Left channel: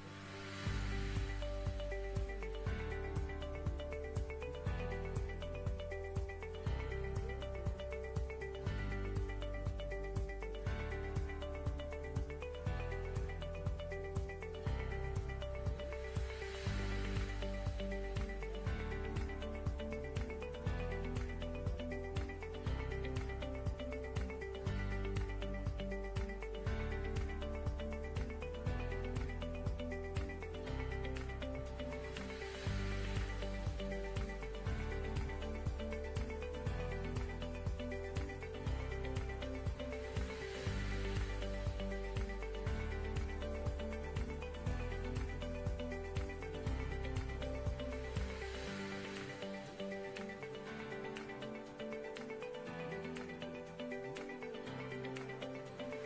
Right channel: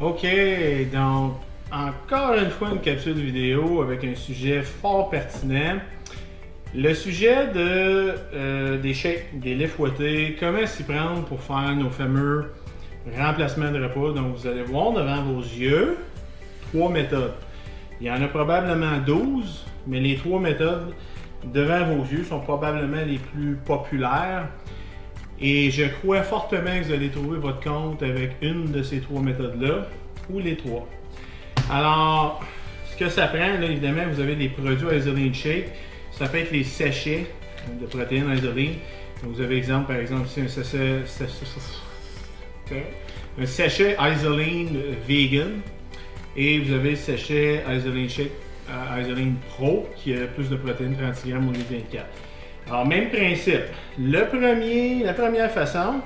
Ok, donc encore une fois une capsule vidéo avec un sujet fort pertinent. Le sujet des shakes, des laits fouettés, comment s'y prendre pour faire nos fameux remplacements de repas. Donc vous allez voir devant vos yeux trois méthodes. Il y en a probablement 12, mais les trois méthodes devant vos yeux sont probablement les plus populaires. Et je crois fortement que vous allez trouver votre compte avec une de ces trois méthodes-là, ou les trois. Alors, ce que ça prend, là, évidemment, vous avez des produits Isoline Shake. Ça peut être les sachets de protéines Isoline. Vous avez exemple, par exemple, ici un sachet Isoline Vegan. Et vous avez le sachet Isoline Shake Isoline Pro qui a plus de protéines, 30 grammes au lieu de 24. Alors, même principe. La première façon,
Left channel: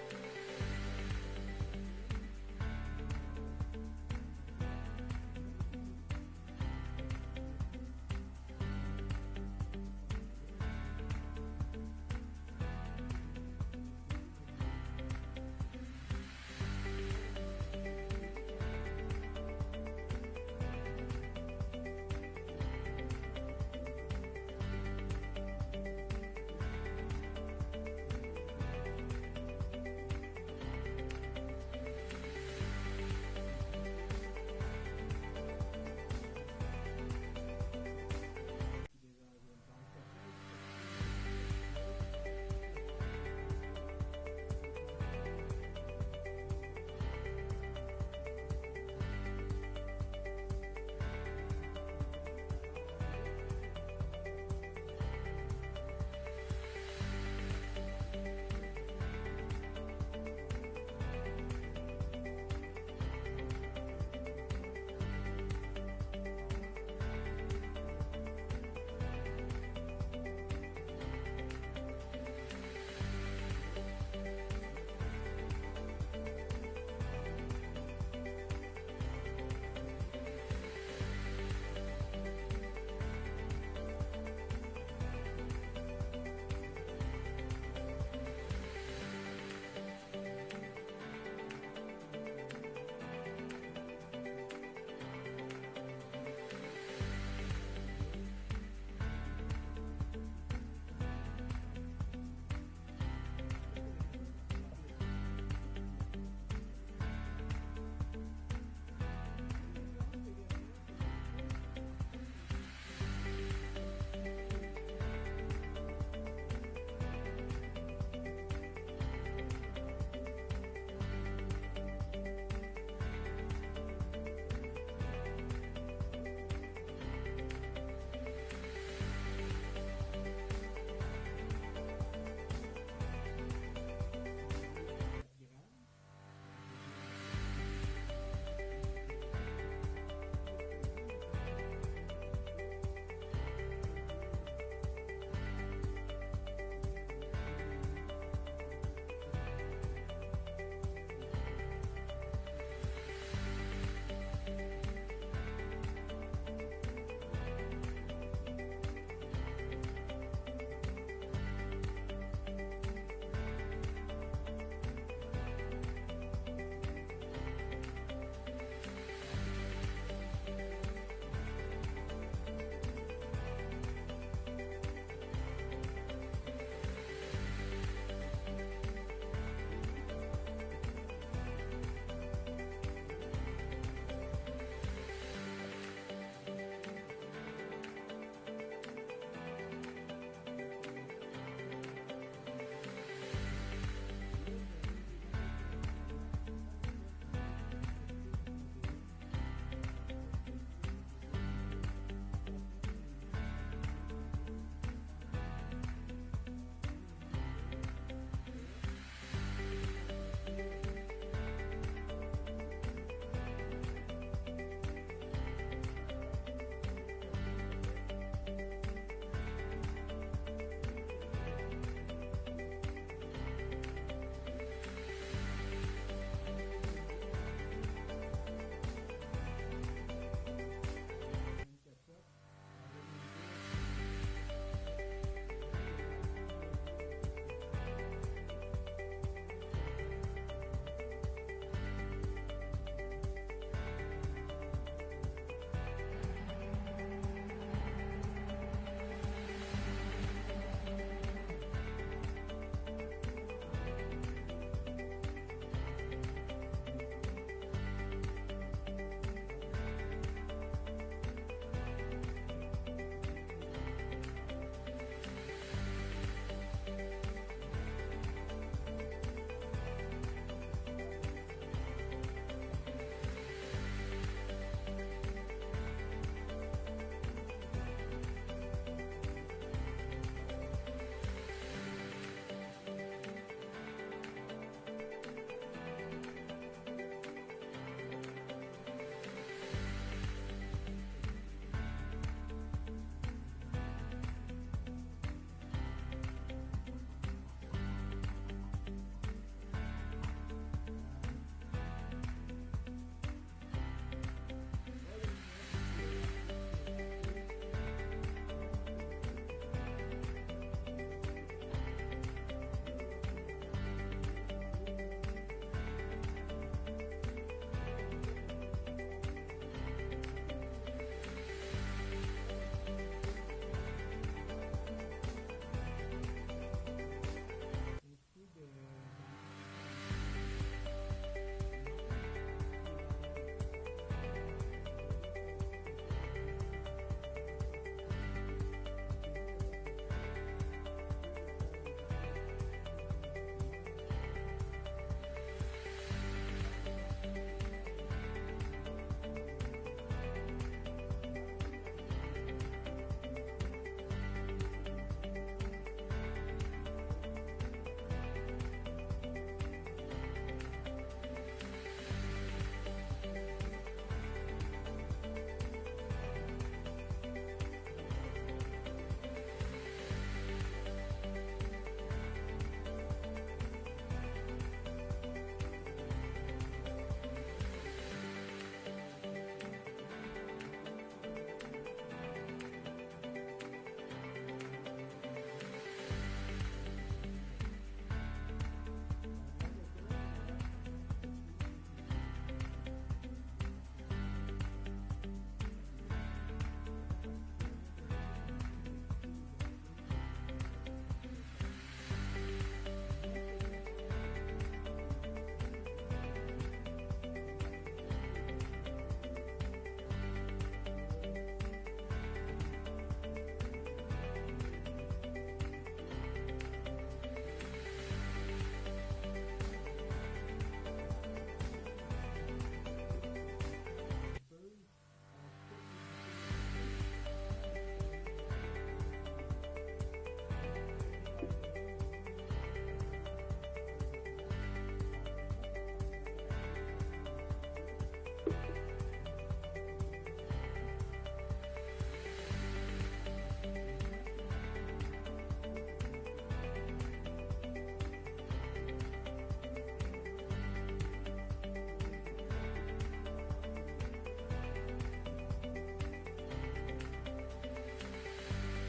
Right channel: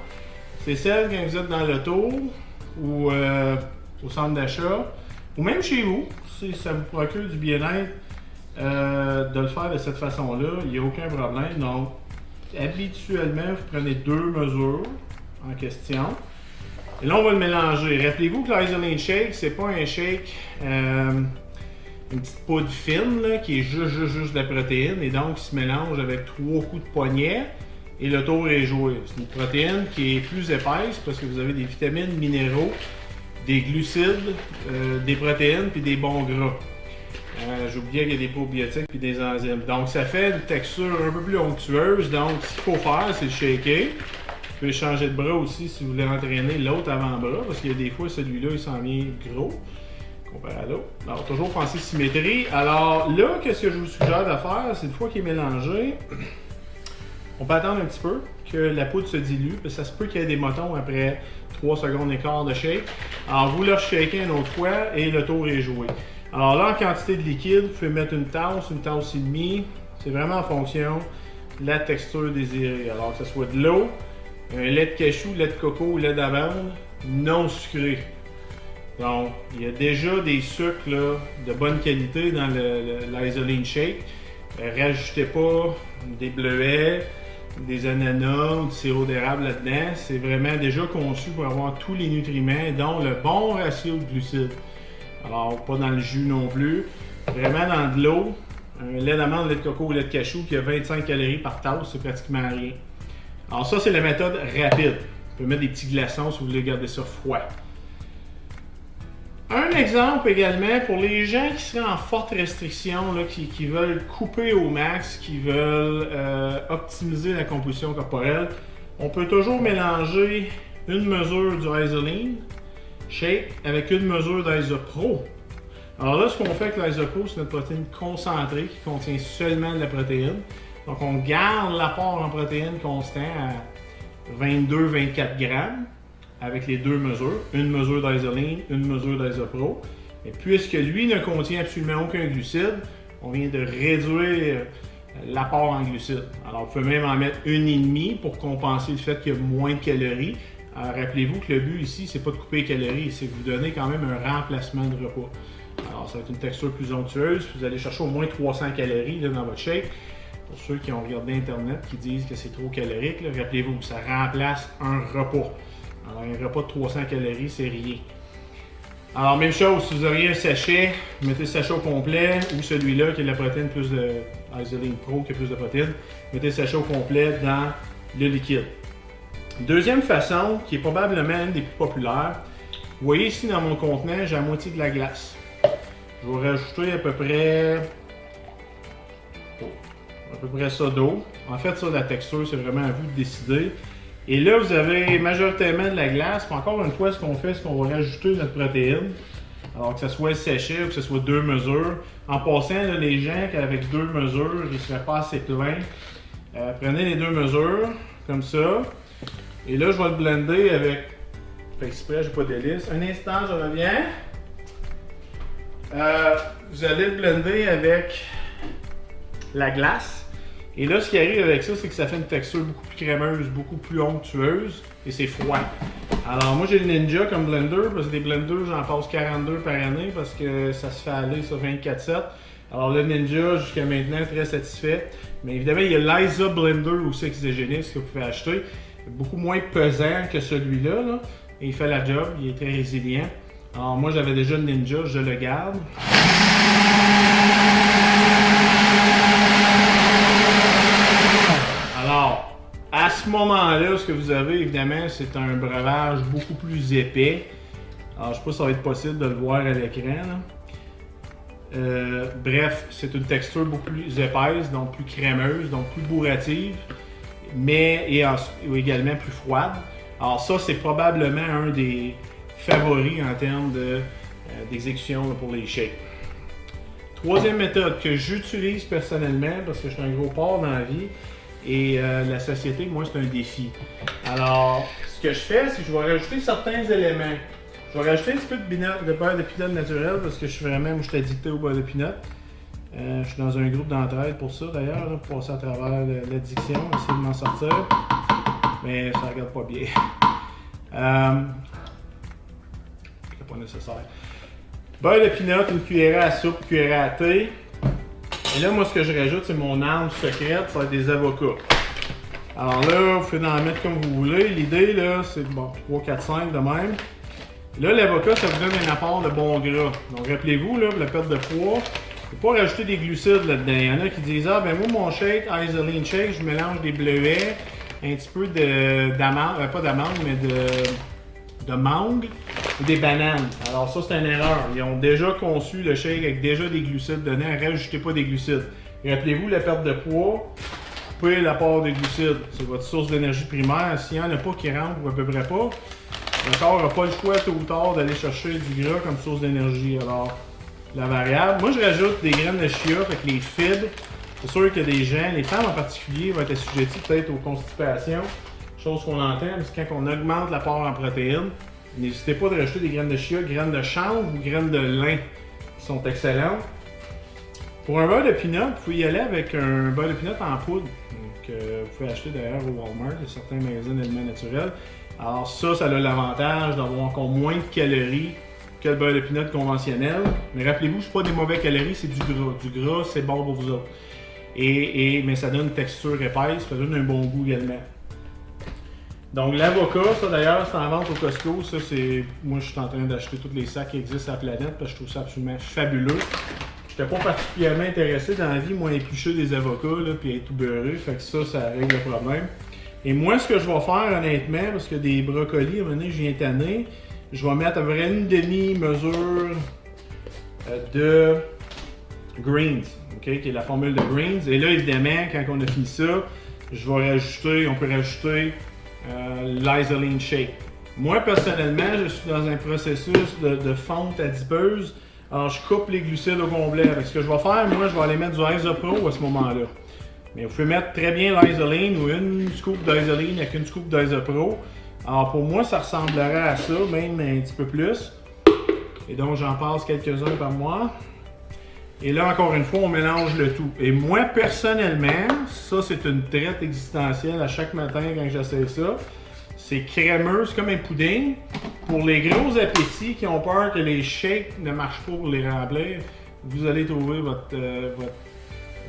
c'est celle quand vous êtes dans l'auto ou au centre d'achat, ou même chez vous, si ça vous procure du bien-être de le faire de cette façon-là, il n'y a aucun problème. Donc, habituellement, vous prenez deux mesures en question. Et là, on va le mélanger. Rappelez-vous que l'Isoline Shake, c'est pas un shake une petite poudre fine là, qui est juste de la protéine et donc qui se mélange avec trois coups de poignet et le tour est joué. C'est une protéine qui est plus épaisse parce que vous avez des vitamines, minéraux, des glucides, des protéines puis des bons gras. J'oubliais qu'il y a des probiotiques puis des enzymes. Donc ça fait une texture un peu plus onctueuse. Donc ce qu'il faut faire, c'est le shaker. Vous pouvez changer de bras aussi si vous voulez entraîner l'autre avant-bras parce qu'il y a des fois celui-là il s'en vient gros. Comparé à l'autre. Alors, toujours penser symétrie. Alors, là, qu'est-ce que je vous suggère de faire? C'est une fois qu'il est mélangé, on peut attendre un petit peu que la poudre se dilue, parce que ça se peut qu'il y ait des motons après 3 secondes et quart de shake. Alors, vous le shakez une autre fois et le tour est joué. Alors là, en quantité de liquide, vous pouvez mettre une tasse et demie. C'est vraiment en fonction de la texture désirée. Alors, que ce soit de l'eau, un lait de cachou, lait de coco ou lait d'amande non sucré. Donc, il y a déjà des sucres là, de bonne qualité dans l'Isoline Shake. Rajoutez pas des bleuets, des ananas ou du sirop d'érable là-dedans. C'est vraiment déjà conçu pour avoir tous les nutriments, dont le bon ratio de glucides. Alors, pas dans le jus non plus. Vraiment dans de l'eau, un lait d'amande, lait de coco ou lait de cachou qui a 25 calories par tasse, c'est pratiquement rien. Alors ça, c'est la méthode rapide. Vous pouvez mettre des petits glaçons si vous voulez garder ça froid. Un exemple également pour les gens qui seraient en forte restriction, là, qui veulent couper au max, qui veulent optimiser la composition corporelle, on peut toujours mélanger une mesure du Isoline Shake avec une mesure d'Isopro. Alors là, ce qu'on fait avec l'Isopro, c'est notre protéine concentrée qui contient seulement de la protéine. Donc on garde l'apport en protéines constant à 22-24 grammes. Avec les deux mesures, une mesure d'Isoline, une mesure d'Isopro. Et puisque lui ne contient absolument aucun glucide, on vient de réduire l'apport en glucides. Alors vous pouvez même en mettre une et demie pour compenser le fait qu'il y a moins de calories. Rappelez-vous que le but ici, c'est pas de couper les calories, c'est de vous donner quand même un remplacement de repas. Alors ça va être une texture plus onctueuse, vous allez chercher au moins 300 calories là, dans votre shake. Pour ceux qui ont regardé Internet qui disent que c'est trop calorique, rappelez-vous, ça remplace un repas. Alors, un repas de 300 calories, c'est rien. Alors, même chose, si vous auriez un sachet, vous mettez le sachet au complet ou celui-là qui a de la protéine plus de Isoline Pro qui a plus de protéines, mettez le sachet au complet dans le liquide. Deuxième façon, qui est probablement une des plus populaires, vous voyez ici dans mon contenant, j'ai la moitié de la glace. Je vais rajouter à peu près ça d'eau. En fait, ça, la texture, c'est vraiment à vous de décider. Et là, vous avez majoritairement de la glace. Puis encore une fois, ce qu'on fait, c'est qu'on va rajouter notre protéine. Alors que ce soit sachet ou que ce soit deux mesures. En passant, là, les gens avec deux mesures, ils ne seraient pas assez pleins. Prenez les deux mesures, comme ça. Et là, je vais le blender avec... Fait exprès, je n'ai pas d'hélice. Un instant, je reviens. Vous allez le blender avec la glace. Et là, ce qui arrive avec ça, c'est que ça fait une texture beaucoup plus crémeuse, beaucoup plus onctueuse et c'est froid. Alors moi, j'ai le Ninja comme blender parce que des blenders, j'en passe 42 par année parce que ça se fait aller sur 24/7. Alors le Ninja, jusqu'à maintenant, très satisfait. Mais évidemment, il y a l'Isa Blender aussi exogéniste que vous pouvez acheter. Beaucoup moins pesant que celui-là. Là, et il fait la job, il est très résilient. Alors moi j'avais déjà le Ninja, je le garde. Alors, à ce moment-là, ce que vous avez évidemment, c'est un breuvage beaucoup plus épais. Alors je ne sais pas si ça va être possible de le voir à l'écran. Bref, c'est une texture beaucoup plus épaisse, donc plus crémeuse, donc plus bourrative, mais également plus froide. Alors ça, c'est probablement un des favoris en termes d'exécution pour les shakes. Troisième méthode que j'utilise personnellement, parce que je suis un gros porc dans la vie, et la satiété, moi, c'est un défi. Alors, ce que je fais, c'est que je vais rajouter certains éléments. Je vais rajouter un petit peu de beurre de pinot naturel, parce que je suis vraiment, moi, je suis addicté au beurre de pinot. Je suis dans un groupe d'entraide pour ça, d'ailleurs, pour passer à travers l'addiction, essayer de m'en sortir. Mais ça regarde pas bien. C'est pas nécessaire. Beurre de pinot, une cuillerée à soupe, cuillerée à thé. Et là, moi, ce que je rajoute, c'est mon arme secrète, ça va être des avocats. Alors là, vous pouvez en mettre comme vous voulez. L'idée, là, c'est bon, 3, 4, 5 de même. Là, l'avocat, ça vous donne un apport de bon gras. Donc, rappelez-vous, là, pour la perte de poids, il ne faut pas rajouter des glucides là-dedans. Il y en a qui disent, ah, ben moi, mon shake, Isoline Shake, je mélange des bleuets, un petit peu d'amande, pas d'amande, mais de mangue ou des bananes. Alors ça, c'est une erreur. Ils ont déjà conçu le shake avec déjà des glucides dedans. Rajoutez pas des glucides. Rappelez-vous, la perte de poids, coupez l'apport de glucides. C'est votre source d'énergie primaire. S'il n'y en a pas qui rentre, ou à peu près pas, le corps n'a pas le choix tôt ou tard d'aller chercher du gras comme source d'énergie. Alors, la variable. Moi, je rajoute des graines de chia avec les fibres. C'est sûr que des gens, les femmes en particulier, vont être assujetties peut-être aux constipations. Chose qu'on entend, parce que quand on augmente l'apport en protéines, n'hésitez pas de rajouter des graines de chia, graines de chanvre ou graines de lin qui sont excellentes. Pour un beurre de pinot, vous pouvez y aller avec un beurre de pinot en poudre. Donc, vous pouvez acheter d'ailleurs au Walmart, il y a certains magasins d'aliments naturels. Alors ça a l'avantage d'avoir encore moins de calories que le beurre de pinot conventionnel. Mais rappelez-vous, ce n'est pas des mauvais calories, c'est du gras. Du gras, c'est bon pour vous autres. Mais ça donne une texture épaisse, ça donne un bon goût également. Donc l'avocat, ça d'ailleurs, c'est en vente au Costco. Ça, c'est. Moi, je suis en train d'acheter tous les sacs qui existent sur la planète parce que je trouve ça absolument fabuleux. Je n'étais pas particulièrement intéressé dans la vie, moi, à éplucher des avocats là, puis être tout beurré. Fait que ça règle le problème. Et moi, ce que je vais faire, honnêtement, parce que des brocolis, à un moment donné, je viens tanner, je vais mettre à peu près une demi-mesure de greens, okay, qui est la formule de greens. Et là, évidemment, quand on a fini ça, je vais rajouter, on peut rajouter l'Isoline Shake. Moi, personnellement, je suis dans un processus de fonte adipeuse. Alors, je coupe les glucides au complet. Avec ce que je vais faire, moi, je vais aller mettre du Isopro à ce moment-là. Mais vous pouvez mettre très bien l'Isoline ou une scoop d'Isoline avec une scoop d'Isopro. Alors, pour moi, ça ressemblerait à ça, même un petit peu plus. Et donc, j'en passe quelques-uns par mois. Et là, encore une fois, on mélange le tout. Et moi, personnellement, ça, c'est une traite existentielle à chaque matin quand j'essaie ça. C'est crémeux, c'est comme un pudding. Pour les gros appétits qui ont peur que les shakes ne marchent pas pour les remplir, vous allez trouver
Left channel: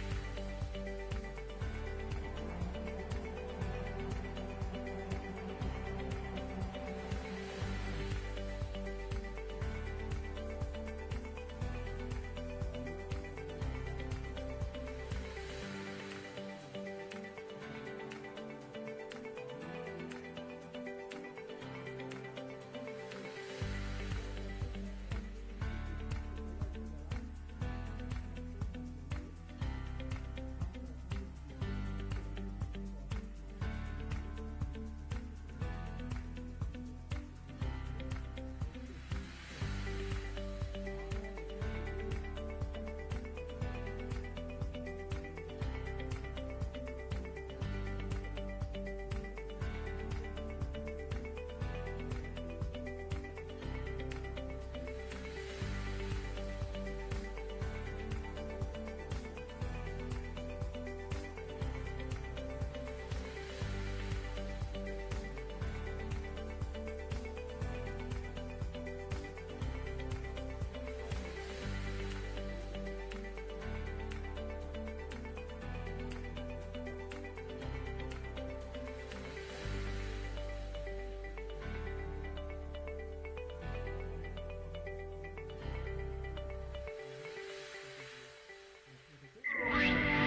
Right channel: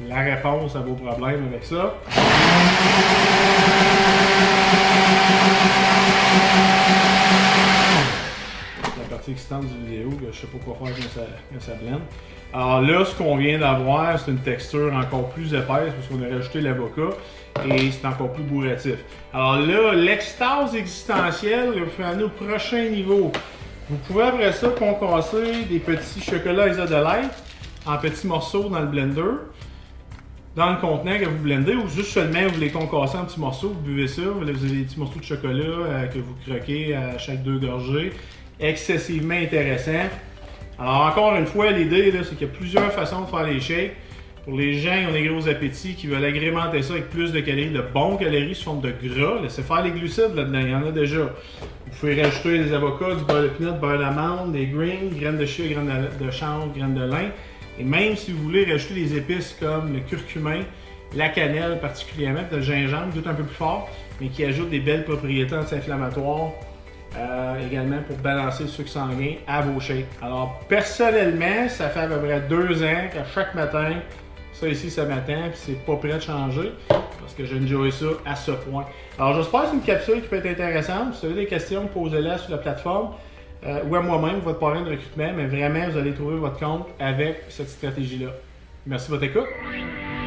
la réponse à vos problèmes avec ça. La partie excitante du vidéo, je ne sais pas quoi faire quand ça blende. Alors là, ce qu'on vient d'avoir, c'est une texture encore plus épaisse parce qu'on a rajouté l'avocat et c'est encore plus bourratif. Alors là, l'extase existentielle, vous pouvez aller au prochain niveau. Vous pouvez après ça concasser des petits chocolats Isodelight en petits morceaux dans le blender, dans le contenant que vous blendez, ou juste seulement vous les concassez en petits morceaux, vous buvez ça, vous avez des petits morceaux de chocolat que vous croquez à chaque 2 gorgées. Excessivement intéressant. Alors encore une fois, l'idée c'est qu'il y a plusieurs façons de faire les shakes. Pour les gens qui ont des gros appétits, qui veulent agrémenter ça avec plus de calories, de bons calories sous forme de gras, laissez faire les glucides là-dedans, il y en a déjà. Vous pouvez rajouter des avocats, du beurre de pinot, du beurre d'amande, des greens, graines de chia, graines de chanvre, graines de lin. Et même si vous voulez rajouter des épices comme le curcumin, la cannelle particulièrement, le gingembre, tout un peu plus fort, mais qui ajoute des belles propriétés anti-inflammatoires. Également pour balancer le sucre sanguin à vos shakes. Alors personnellement, ça fait à peu près 2 ans qu'à chaque matin, ça ici ça m'attend, puis c'est pas prêt de changer parce que j'enjoy ça à ce point. Alors j'espère que c'est une capsule qui peut être intéressante. Si vous avez des questions, posez-les sur la plateforme. ou à moi-même, votre parrain de recrutement, mais vraiment, vous allez trouver votre compte avec cette stratégie-là. Merci de votre écoute.